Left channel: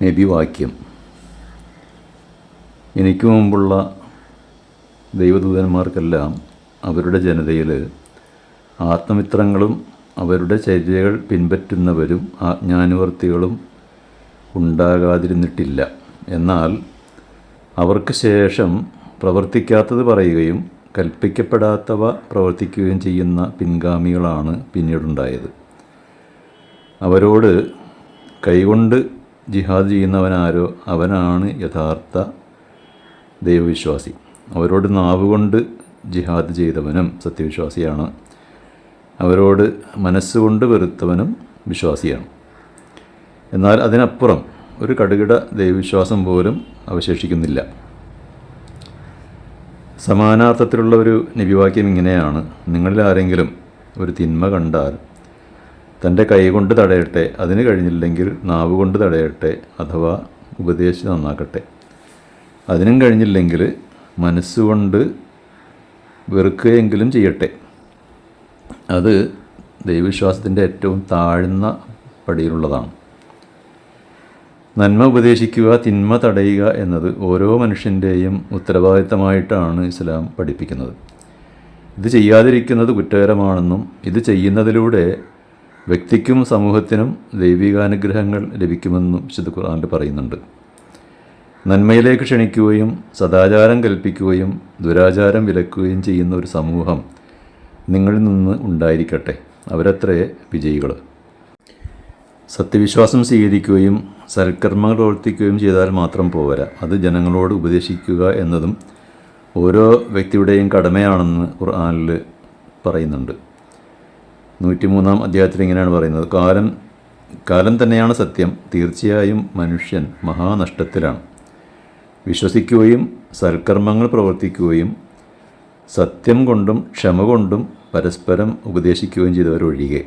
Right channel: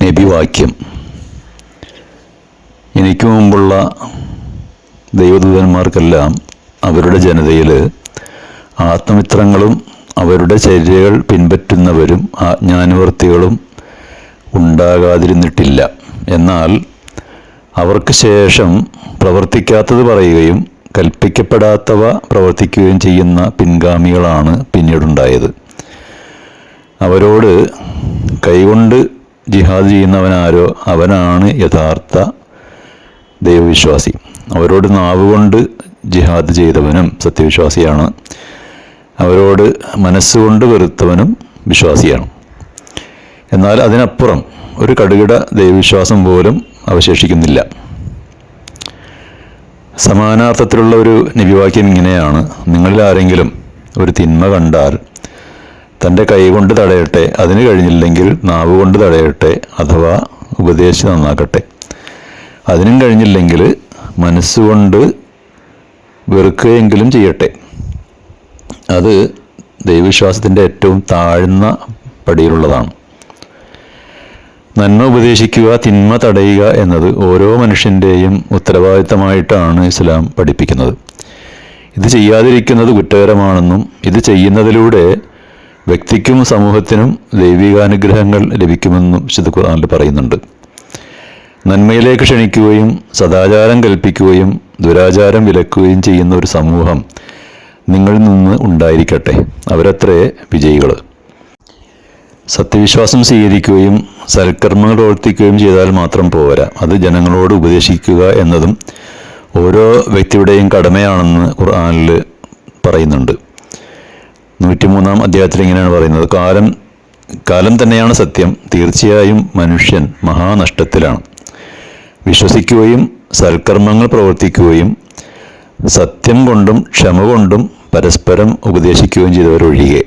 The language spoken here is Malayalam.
നബിവാക്യം. എനിക്ക് മുമ്പുള്ള ദൈവദൂതന്മാർക്കെല്ലാം അവരുടെ ജനതയിൽ ആത്മമിത്രങ്ങളും അവരുടെ ചര്യകൾ പിൻപറ്റുന്നവരും ആജ്ഞാനുവർത്തികളും ഉണ്ടാകാതിരുന്നിട്ടില്ല. എന്നാൽ അവർക്ക് ശേഷം പ്രവർത്തിക്കാത്തത് പറയുകയും കൽപ്പിക്കപ്പെടാത്തവ പ്രവർത്തിക്കുകയും ചെയ്യുന്ന പിൻഗാമികളാണ് പിന്നീടുണ്ടായത്. അവരോട് കൈകൊണ്ട് ജിഹാദ് ചെയ്യുന്നവനാരോ അവനാണ് യഥാർത്ഥ ദൈവവിശ്വാസി. അവരോട് നാവുകൊണ്ട് ജിഹാദ് ചെയ്തവനും സത്യവിശ്വാസിയാണ്. അവരോട് മനസ്സുകൊണ്ട് വെറുത്തവനും വിശ്വാസിയാണ്. എന്നാൽ അതിനപ്പുറം ഒരു കടുകിട ദൈവവിശ്വാസം പോലും അവശേഷിക്കുന്നില്ല. സമാനാർത്ഥത്തിലുള്ള ഒരു നബിവാക്യം ഇങ്ങനെയാണ്: നിങ്ങളിൽ ആരെങ്കിലും ഒരു തിന്മ കണ്ടാൽ തൻ്റെ കൈകൊണ്ട് തടയട്ടെ, അതിന് കഴിഞ്ഞില്ലെങ്കിൽ നാവുകൊണ്ട് തടയട്ടെ, അഥവാ ഉപദേശിച്ച് നന്നാക്കട്ടെ. അതിനും കഴിഞ്ഞില്ലെങ്കിൽ മനസ്സുകൊണ്ട് വെറുക്കുകയെങ്കിലും ചെയ്യട്ടെ. അത് ദൈവവിശ്വാസത്തിൻ്റെ ഏറ്റവും താഴ്ന്ന പടിയിലുള്ളതാണ്. നന്മ ഉപദേശിക്കുക, തിന്മ തടയുക എന്നത് ഓരോ മനുഷ്യൻ്റെയും ഉത്തരവാദിത്തമായിട്ടാണ് ഇസ്ലാം പഠിപ്പിക്കുന്നത്. ഇത് ചെയ്യാതിരിക്കുന്നത് കുറ്റകരമാണെന്നും ഇത് ചെയ്യുന്നതിലൂടെ വ്യക്തിക്കും സമൂഹത്തിനും ദൈവികാനുഗ്രഹങ്ങൾ ലഭിക്കുമെന്നും വിശുദ്ധ ഖുർആനിൽ പറയുന്നുണ്ട്. നന്മയിലേക്ക് ക്ഷണിക്കുകയും സദാചാരം കൽപ്പിക്കുകയും ദുരാചാരം വിലക്കുകയും ചെയ്യുന്ന ഒരു സമൂഹം നിങ്ങളിൽ നിന്ന് ഉണ്ടായിരിക്കട്ടെ. അവരത്രേ വിജയികൾ. സത്യവിശ്വാസം സ്വീകരിക്കുകയും സൽക്കർമ്മങ്ങൾ പ്രവർത്തിക്കുകയും ചെയ്താൽ മാത്രം പോരാ, അത് ജനങ്ങളോട് ഉപദേശിക്കുക എന്നതും ഓരോ വ്യക്തിയുടെയും കടമയാണെന്ന് ഖുർആനിൽ പറയുന്നുണ്ട്. 103-ാം അധ്യായത്തിൽ ഇങ്ങനെയാണ് പറയുന്നത്: കാലം തന്നെയാണ് സത്യം, തീർച്ചയായും മനുഷ്യൻ മഹാനഷ്ടത്തിലാണ്. വിശ്വസിക്കുകയും സൽക്കർമ്മങ്ങൾ പ്രവർത്തിക്കുകയും സത്യം കൊണ്ടും ക്ഷമ കൊണ്ടും പരസ്പരം ഉപദേശിക്കുകയും ചെയ്തവരൊഴികെ.